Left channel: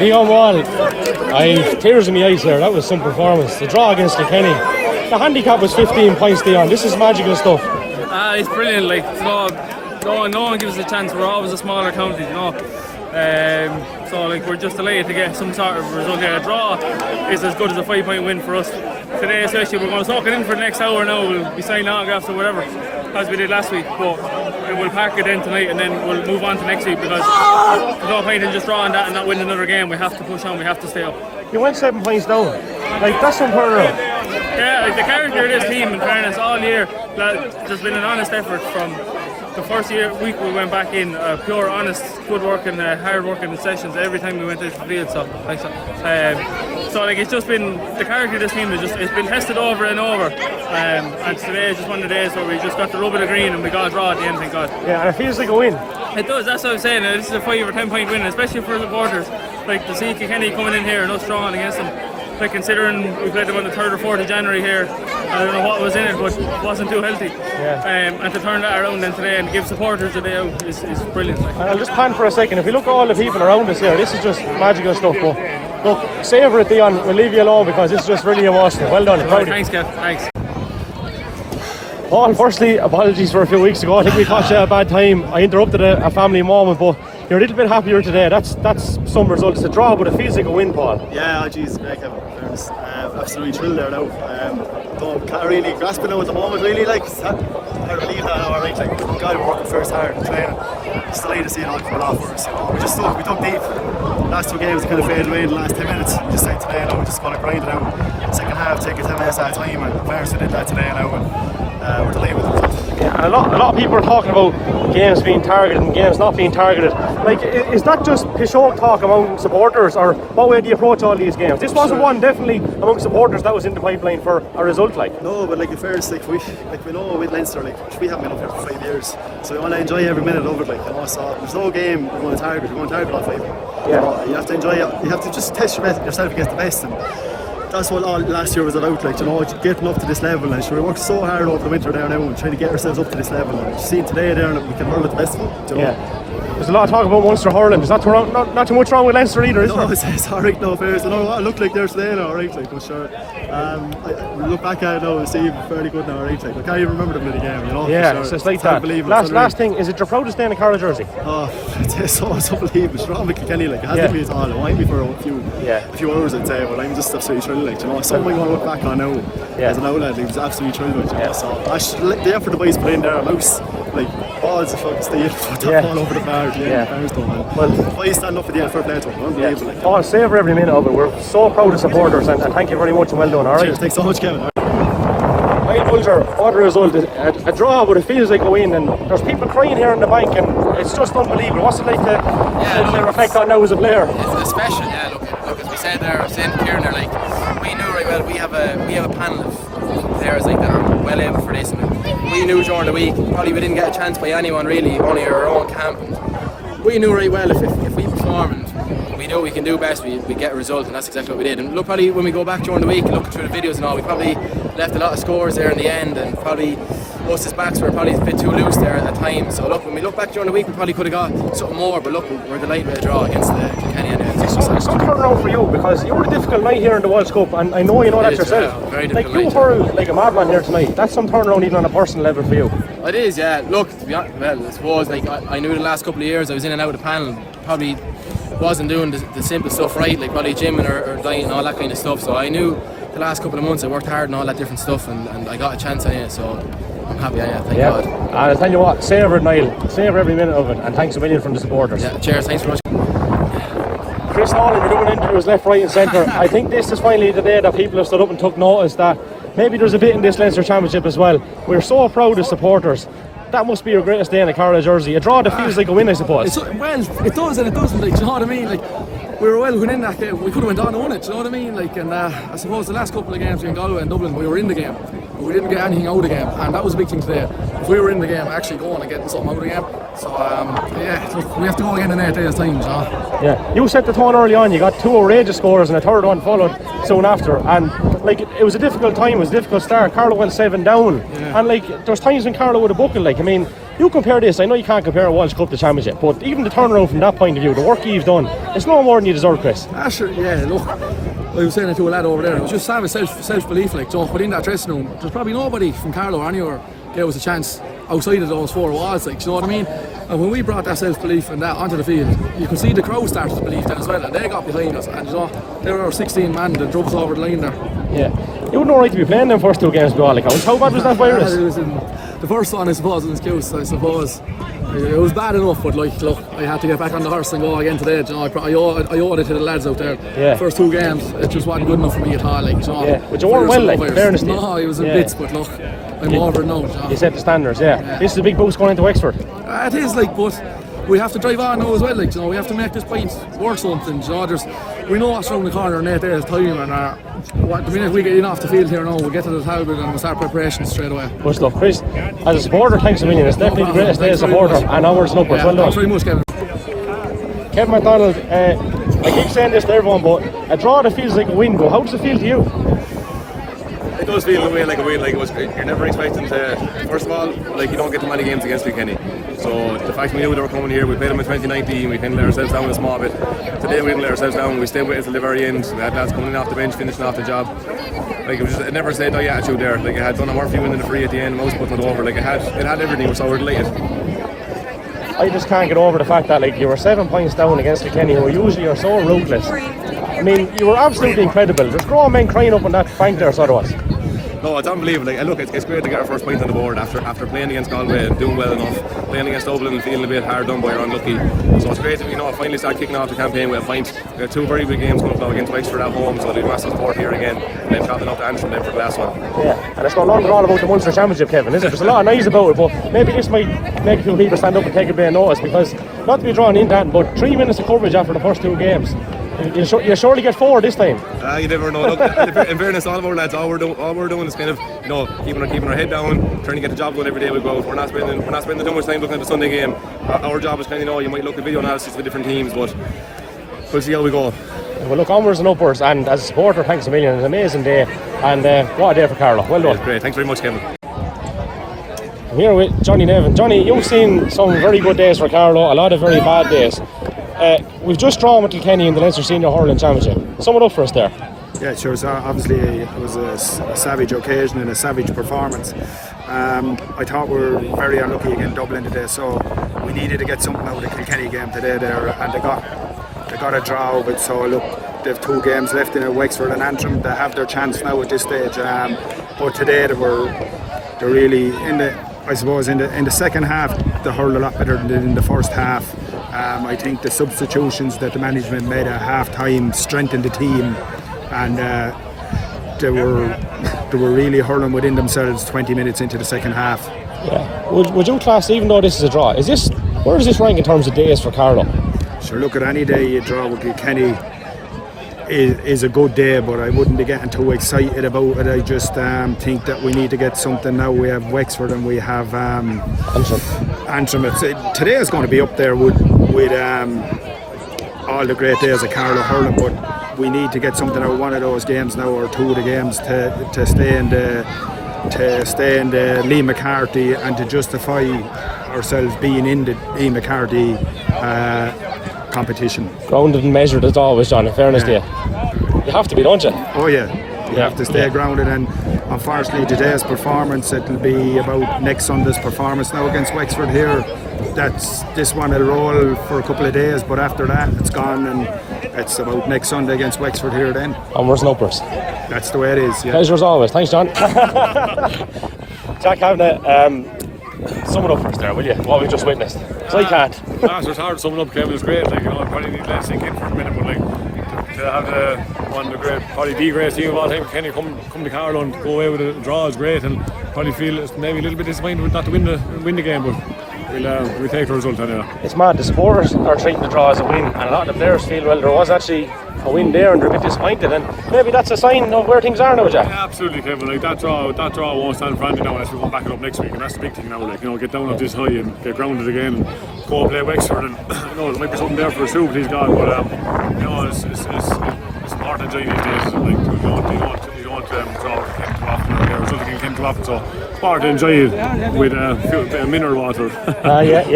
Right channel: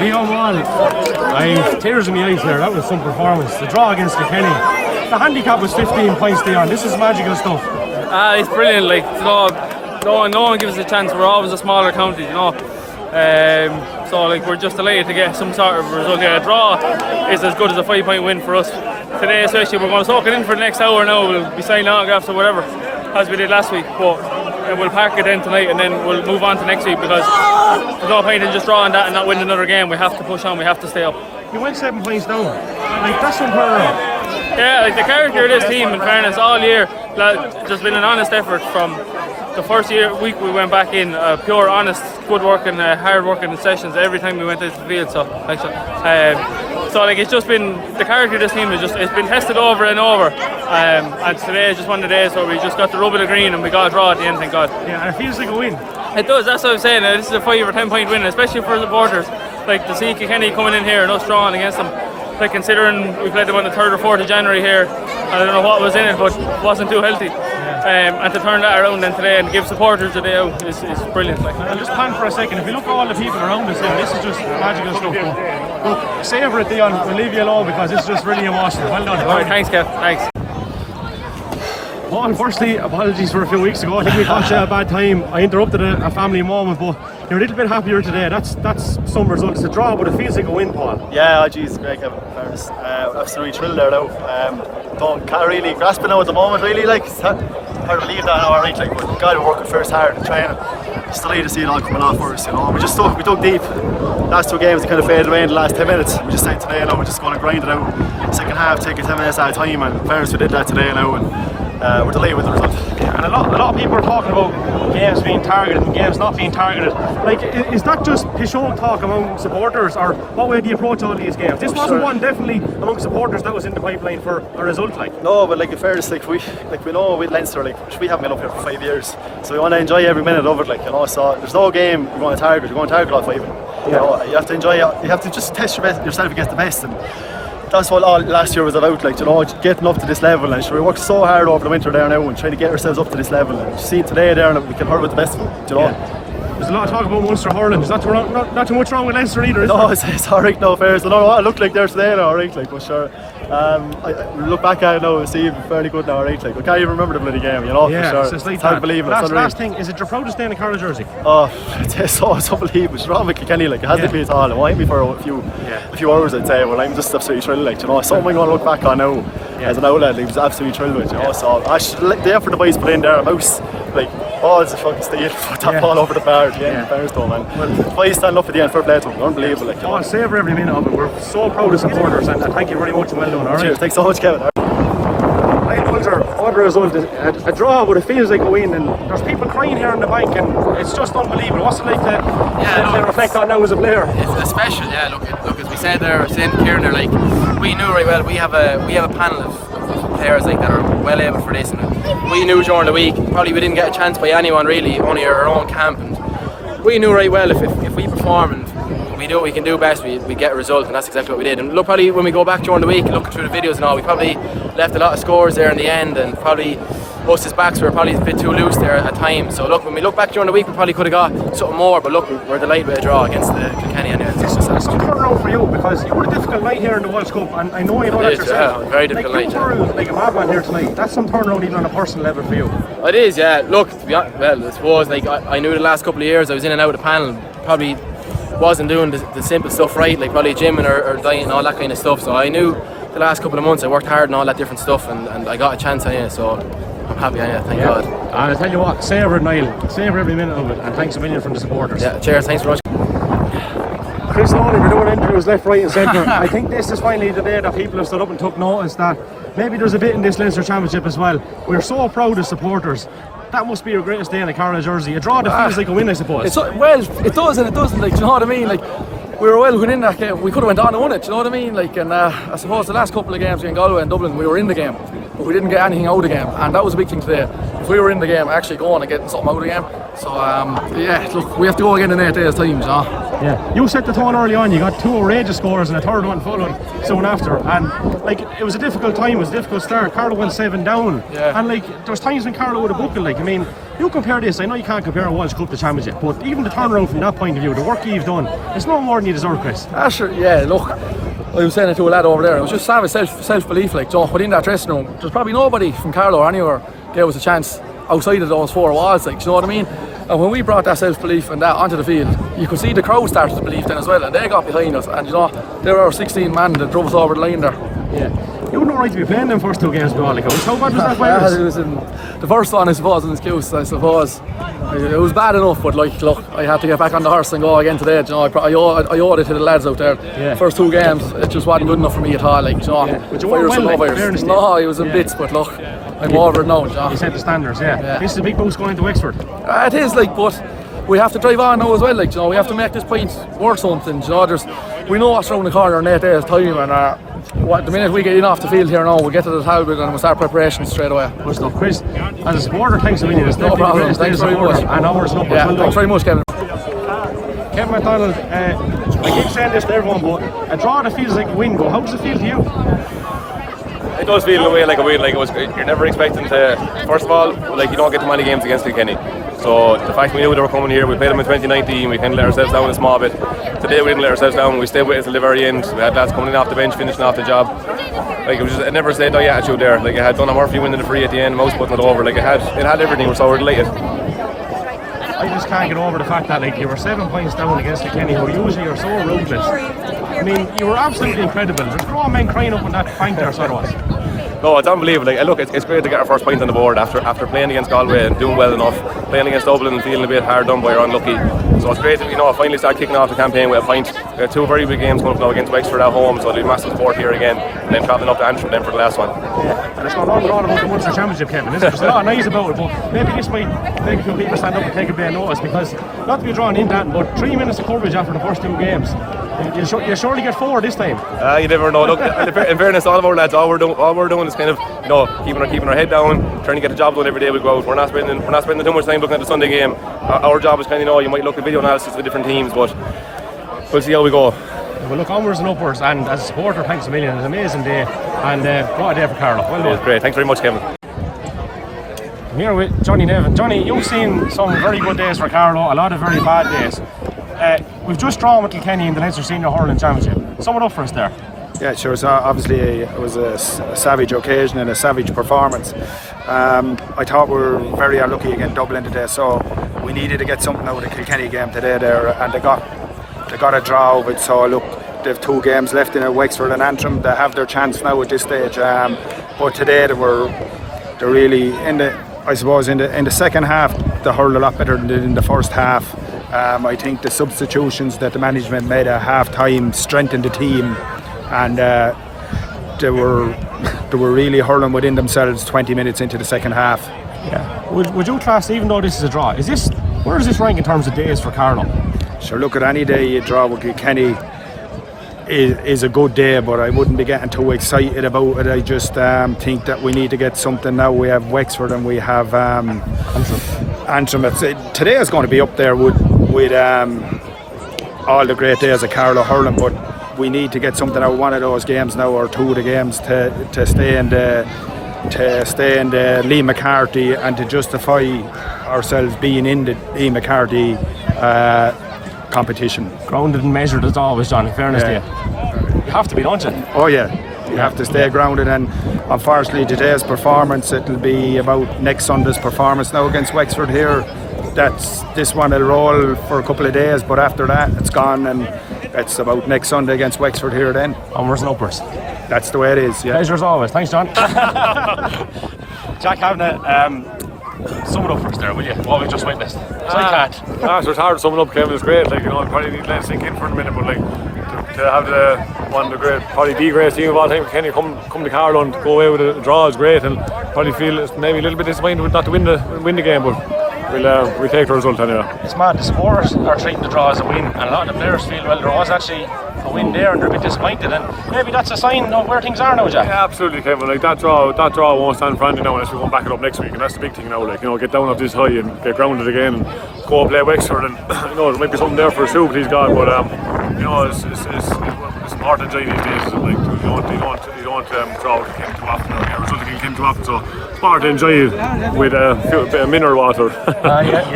Dion Wall, I tears in my eyes here. That was some performance. The draw against Kilkenny. The handicap was 15 points, Dion. This is magical stuff. It's brilliant. Like, no one gives us a chance. We're always a smaller county, So like, we're just delighted to get some sort of result here. A draw is as good as a 5-point win for us today, especially. We're going to soak it in for the next hour now. We'll be signing autographs or whatever, as we did last week. But we'll park it in tonight and then we'll move on to next week, because there's no point in just drawing that and not winning another game. We have to push on, we have to stay up. You went 7 points down. Like, that's unheard of. Yeah, like the character of this team, in fairness, all year, there's been an honest effort from the first week we went back in, pure, honest, good working, hard working sessions every time we went into the field. So it's just been, the character of this team is it's been tested over and over. And today is just one of the days where we just got the rub of the green and we got a draw at the end, thank God. Yeah, it feels like a win. It does, that's what I'm saying. This is a 5 or 10 point win, especially for supporters. Like, to see Kilkenny coming in here and us drawing against them. Like, considering we played them on the 3rd or 4th of January here, I don't know what was in it, but it wasn't too healthy. Yeah. And to turn that around then today and give supporters a day out is brilliant. Like, I'll just pan for a second. If you look at all the people around us here, this is just magical stuff. But savour it, Dion. We'll leave you alone because this is just really emotional. Well done. Alright, thanks, Kev. Thanks. Well, firstly, apologies for a few weeks ago. I think we caught you at a bad time. I interrupted a family moment, but you're a little bit happier today. That's some results. It's a draw, but it feels like a win, Paul. Yeah, geez, great, Kevin. Fairness, absolutely thrilled there now. Can't really grasp it now at the moment. Really, like, it's hard to believe that now, alright. Like, but God, we're working first hard and training. Just delighted to see it all coming off for us. We dug deep. Last 2 games, they kind of faded away in the last 10 minutes. We just said today, we're just going to grind it out. Second half, take it 10 minutes at a time, and fairness, we did that today now. And we're delighted with the result. And a lot of people are talking about games being targeted and games not being targeted. Like, is that just Pishon talk among supporters, or what way do you approach all these games? This wasn't one definitely among supporters that was in the pipeline for a result. Like, no, but like, in fairness, we know with Leinster, we haven't been up here for 5 years, so we want to enjoy every minute of it. So there's no game we're going to target. We're going to target all 5. Yeah. You have to enjoy it. You have to just test yourself against the best. And that's what all last year was about, getting up to this level. And we worked so hard over the winter there now and trying to get ourselves up to this level. And seeing today there that we can hurl with the best of them, Yeah. There's a lot of talk about Munster hurling. There's not too much wrong with Leinster either, is no, there? it's alright now, fair. I don't know what it looked like there today now, alright, but sure. We look back at it now and see it's fairly good now, alright. I can't even remember the bloody game, Yeah, for sure. it's like it's hard to believe it. Last thing, is it your proudest day in a Carlow jersey? Oh, it's unbelievable. It's wrong with Kilkenny, it hasn't been at all. It won't be for a few hours, I'd say. Well, I'm just absolutely thrilled, something I'm going to look back on now as an outlet. I was absolutely thrilled with, So the effort the boys put in there, a mouse, balls of fucking steel, put that ball over the bar at the end. Fairness though, man. Well, boys stand up at the end, fair play to them, unbelievable. Savour every minute of it. We're so proud of supporters, and thank you very much and well done. Alright. Cheers, thanks so much, Kevin. Niall Bolger, what a result. A draw, but it feels like a win, and there's people crying here in the bank, and it's just unbelievable. What's it like to reflect on now as a player? It's special, look, as we said there, saying Kieran there, we knew right well, we have a panel of players that are well able for this, and we knew during the week, probably we didn't get a chance by anyone really, only our own camp, and we knew right well if we perform and we do what we can do best, we get a result, and that's exactly what we did. And look, probably when we go back during the week and looking through the videos and all, we probably left a lot of scores there in the end, and probably most of his backs were probably a bit too loose there at times. So look, when we look back during the week, we probably could have got something more, but look, we're delighted with a draw against the Kilkenny anyway. It's a turnaround for you, because you had a difficult night here in the World Cup, and I know you know that yourself. Very difficult night. You hurled like a madman here tonight. That's some turnaround even on a personal level for you. It is, yeah. Look, I suppose I knew the last couple of years I was in and out of the panel, probably wasn't doing the simple stuff right, like probably gymming or diet and all that kind of stuff. So I knew the last couple of months I worked hard and all that different stuff, and I got a chance on it, so I'm happy, thank God. And I'll tell you what, savour it, Niall, savour every minute of it, and thanks a million from the supporters. Yeah, cheers, thanks very much. Chris Nolan, we're doing interviews left, right and centre. I think this is finally the day that people have stood up and took notice that maybe there's a bit in this Leinster Championship as well. We're so proud as supporters. That must be your greatest day in a Carlow jersey. A draw that feels like a win, I suppose. Well, it does and it doesn't, you know what I mean? We were well within that game. We could have went on and won it, you know what I mean? And I suppose the last couple of games in Galway and Dublin, we were in the game, but we didn't get anything out of the game, and that was a big thing today. If we were in the game, actually going and getting something out of the game. So look, we have to go again in 8 days' time, you know. Yeah, you set the tone early on. You got 2 outrageous scores and a third one followed soon after, and it was a difficult time. It was a difficult start. Carlow went 7 down, and there's times when Carlow would have booking. You compare this, I know you can't compare a World Cup to Championship, but even the turnaround from that point of view, the work you've done, it's no more than you deserve, Chris. Sure, yeah, look, I was saying it to a lad over there, it was just savage self-belief, like, Joe, within that dressing room, there's probably nobody from Carlow or anywhere gave us a chance outside of those 4 walls, like, do you know what I mean? And when we brought that self-belief and that onto the field, you could see the crowd started to believe then as well, and they got behind us, and you know, there were our 16 men that drove us over the line there. Yeah. You wouldn't know right to be playing them first 2 games, like, how bad was that virus? It was in the first one, I suppose, in excuse, I suppose. It was bad enough, but like, look, I had to get back on the horse and go again today. You know, I owed it to the lads out there. Yeah. First 2 games, it just wasn't good enough for me at all. Like, you know, yeah. But you weren't well, like, fairness. No, I was in bits, but look, I'm over it now. You know. You set the standards, yeah. This is a big boost going into Wexford. It is, like, but we have to drive on now as well. Like, you know, we have to make this point worth something. You know, we know what's around the corner in 8 days' time, and the minute we get in off the field here now, we'll get to the Talbot and we'll start preparations straight away. Good stuff, Chris. As a supporter, thanks a million. It's no problem. Thanks very much. And ours and upwards. Yeah, well done. Thanks very much, Kevin. Kevin McDonald, I keep saying this to everyone, but a draw that feels like a win. How does it feel to you? It does feel in a way like a win. Like, you're never expecting to. First of all, like, you don't get too many games against Kilkenny. So the fact we knew they were coming here, we played them in 2019, we kind of let ourselves down a small bit. Today we didn't let ourselves down, we stayed with it till the very end. We had lads coming in off the bench, finishing off the job. Like, it was just, it never stayed die attitude there. Like, it had Donna Murphy winning the free at the end, Mouse putting it over. Like, it had everything. We're so delighted. I just can't get over the fact that, like, you were 7 points down against Kilkenny, who usually are so ruthless. I mean, you were absolutely incredible. There's grown men crying up on that bank there, so there was. No, it's unbelievable. Like, look, it's great to get our first point on the board after playing against Galway and doing well enough, playing against Dublin and feeling a bit hard done by or unlucky. So it's great to, you know, finally start kicking off the campaign with a point. We have 2 very big games coming up now against Wexford at home, so there'll be massive support here again, and then travelling up to Antrim then for the last one. Yeah, and it's no longer all about the Munster Championship, Kevin, is it? There's a lot of noise about it, but maybe this might make a few people stand up and take a bit of notice, because not to be drawn into that, but 3 minutes of coverage after the first 2 games. You'll surely get 4 this time. You never know. Look, in fairness, all of our lads, all we're doing is kind of, you know, keeping our head down, trying to get the job done every day we go out. We're not spending too much time looking at the Sunday game. Our job is kind of, you know, you might look at video analysis with different teams, but we'll see how we go. Well, look, onwards and upwards, and as a supporter, thanks a million. It's an amazing day, and what a day for Carlow. Well done. It's great. Thanks very much, Kevin. I'm here with Johnny Nevin. Johnny, you've seen some very good days for Carlow, a lot of very bad days. We've just drawn with Kilkenny in the Leinster Senior Hurling Championship. Sum it up for us there. Yeah, sure. So obviously it was a savage occasion and a savage performance. I thought we were very unlucky against Dublin today, so we needed to get something out of the Kilkenny game today there, and they got a draw of it. So look, they've 2 games left in Wexford and Antrim. They have their chance now at this stage. But today they're really in the second half they hurled a lot better than they did in the first half. I think the substitutions that the management made at half time strengthened the team, and they were really hurling within themselves 20 minutes into the second half. Yeah. Would you class, even though this is a draw, where does this rank in terms of days for Carlow? Sure, look, at any day you draw with Kilkenny is a good day, but I wouldn't be getting too excited about it. I just think that we need to get something now. We have Wexford and we have Antrim. Today is going to be up there with all the great days of Carlow hurling, but we need to get something out of one of those games now, or 2 of the games, to stay in the Liam McCarthy and to justify ourselves being in the Liam McCarthy competition. Grounded and measured as always, John, in fairness to you. You have to be, don't you? Oh yeah, you have to stay grounded, and unfortunately today's performance, it'll be about next Sunday's performance now against Wexford here. This one will roll for a couple of days, but after that it's gone, and it's about next Sunday against Wexford here then. Onwards and upwards. That's the way it is, yeah. Pleasure as always. Thanks, John. Jack Kavanagh, sum it up for us there, will you? What we just witnessed. So it's hard to sum it up, Kevin. It's great. Like, you know, I probably need to let it sink in for a minute, but like to have one of the great, probably the greatest team of all time, Kenny, come to Carlow and go away with a draw is great, and probably feel it's maybe a little bit disappointed not to win the game, but we'll take the result anyway. It's mad. The supporters are treating the draw as a win, and a lot of the players feel, well, there was actually a win there and they're a bit disappointed, and maybe that's a sign of where things are now, Jack. Yeah, absolutely, Kevin. Like that draw won't stand for anything now unless we go back it up next week, and that's the big thing now. Like, you know, get down off this high and get grounded again and go play Wexford, and you know, there might be something there for us too, please God. But you know, it's important to enjoy these days. Like, you don't draw with the game too often. result against Kilkenny up. So it's hard to enjoy it with a bit of mineral water.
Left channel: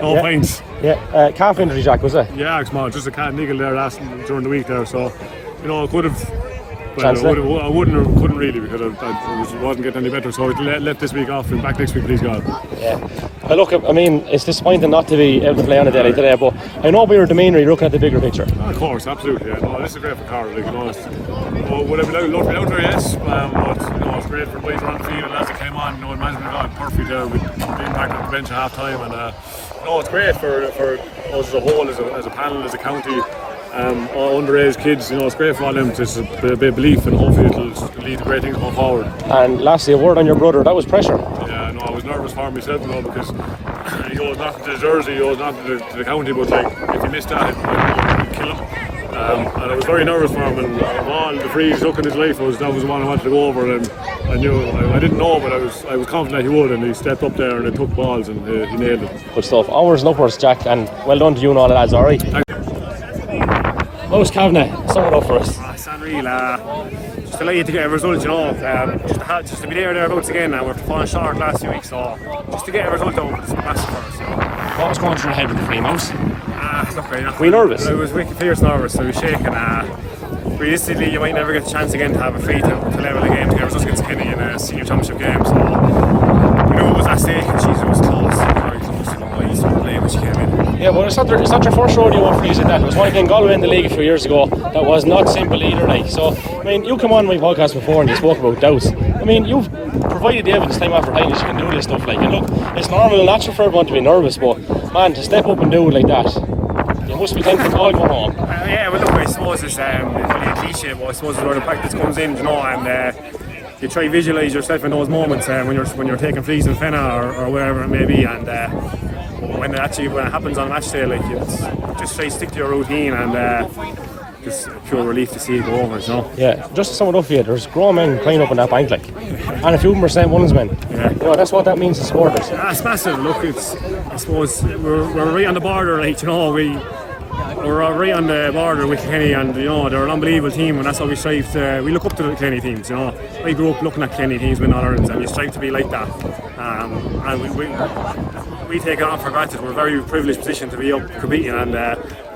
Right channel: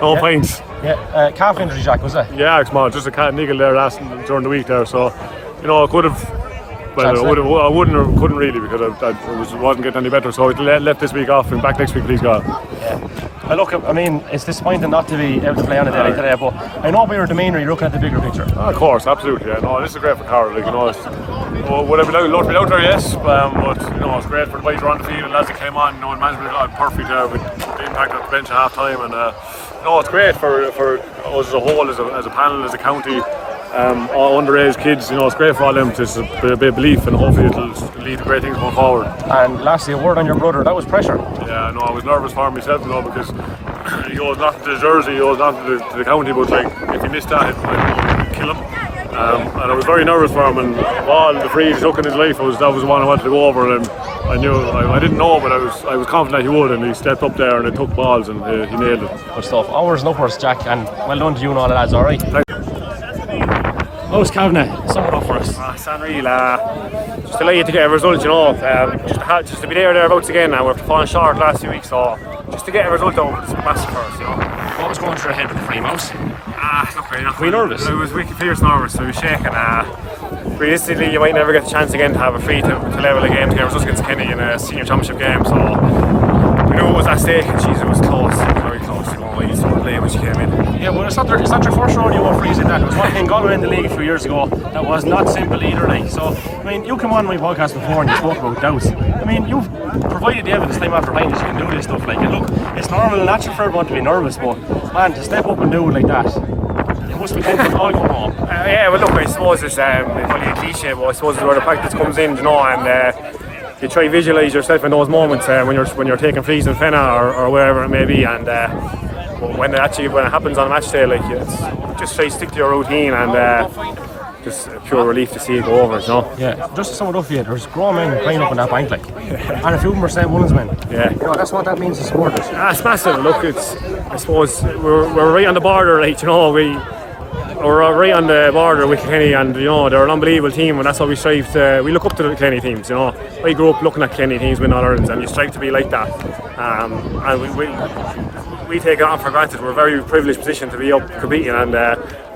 No pints. Yeah, calf injury, Jack, was it? Yeah, it's small. Just a cat niggle there during the week there. So, you know, I could have. Well, I wouldn't or couldn't really because I wasn't getting any better. So I left this week off and back next week, please God. Look, I mean, it's disappointing not to be able to play on a day today, but I know by your demeanour you're looking at the bigger picture. Of course, absolutely. Yeah, no, this is great for Carlow. Like, you know, would I be allowed to be out there? Yes, but you know, it's great for the boys around the field and as they came on. You know, the management got perfect there with the impact on the bench at half time, and you know, it's great for us as a whole, as a panel, as a county. All underage kids, you know, it's great for all them to be a bit of belief, and hopefully it'll lead to great things going forward. And lastly, a word on your brother, that was pressure. Yeah, no, I was nervous for myself, you know, because he owes nothing to the jersey, he owes nothing to the county, but like, if he missed that, it'd kill him. And I was very nervous for him, and of all the frees he took in his life, that was the one I wanted to go over, and I knew, I didn't know, but I was confident he would, and he stepped up there and he took balls and he nailed it. Good stuff. Hours and upwards, Jack, and well done to you and all the lads, alright? How's Kavanagh? Sum it up for us. It's unreal. Just delighted to get a result, you know. Just to be thereabouts again. We're falling short last few weeks, so just to get a result out is massive for us, you know. What was going through your head with the females? Look, were you nervous? I was wicked fierce nervous. I was shaking. Realistically, you might never get the chance again to have a free to level a game to get a result against Kenny in a senior championship game. So we knew it was at stake, and geez, it was close, very close. You know, you saw the play when she came in. Yeah, well, it's not your first rodeo on freezing that. It was one thing Galway in the league a few years ago that was not simple either, like. So, I mean, you came on my podcast before and you spoke about doubts. I mean, you've provided the evidence time after time you can do this stuff, like. And look, it's normal and natural for everyone to be nervous, but man, to step up and do it like that, you must be tempted to all go home. Yeah, well, look, I suppose it's probably a cliche, but I suppose it's where the practice comes in, you know, and you try to visualise yourself in those moments when you're taking frees in Fenna or wherever it may be, and when it happens on a match day, like, just try to stick to your routine, and just a pure relief to see it go over, you know. Yeah, just to sum it up for you, there's grown men playing up in that bank, like, and a few of them are St. Mullins men. Yeah, you know, that's what that means to supporters. It's massive. Look, I suppose we're right on the border, like, you know, we're right on the border with Kilkenny, and you know, they're an unbelievable team, and that's what we strive to. We look up to the Kilkenny teams, you know. I grew up looking at Kilkenny teams win All Ireland, and you strive to be like that. And we take it on for granted. We're a very privileged position to be up competing, and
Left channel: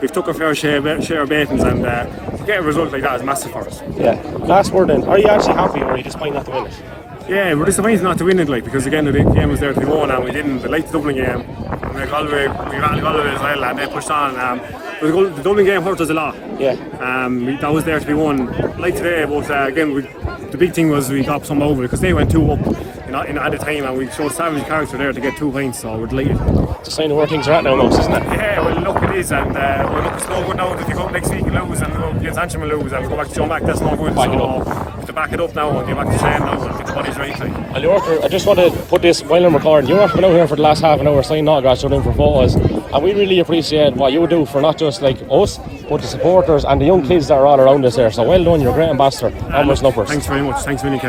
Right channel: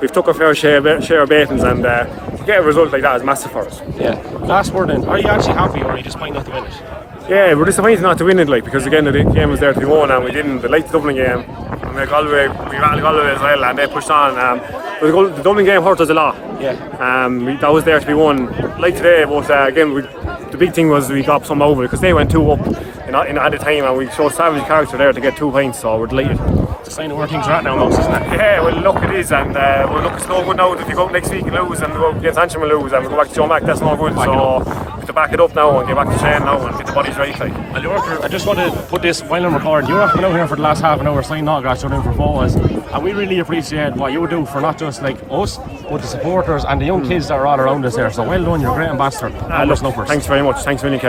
we've took a fair share of beatings, and to get a result like that is massive for us. Yeah. Last word then, are you actually happy, or are you just fine not to win it? Yeah, we're disappointed not to win it, like, because again the game was there to be won, and we didn't. Like the Dublin game, and we rattled Galway as well, and they pushed on. The Dublin game hurt us a lot. Yeah. That was there to be won, like today. But again, the big thing was we got some over because they went 2 up at the time, and we showed savage character there to get 2 points. So we're delighted. It's a sign of where things are at now, isn't it? Yeah, well, look, it is, and it's no good now if you go up next week and lose, and we go against Antrim and lose, and we go back to Joe Mac. That's no good. So we have to back it up now and get back to train now and get the bodies right. Like. I just want to put this while I'm recording. You have been out here for the last half an hour signing autographs or in for photos, and we really appreciate what you do for not just like us, but the supporters and the young kids that are all around us there. So well done, you're a great ambassador. Thanks very much. Thanks a million, Kevin.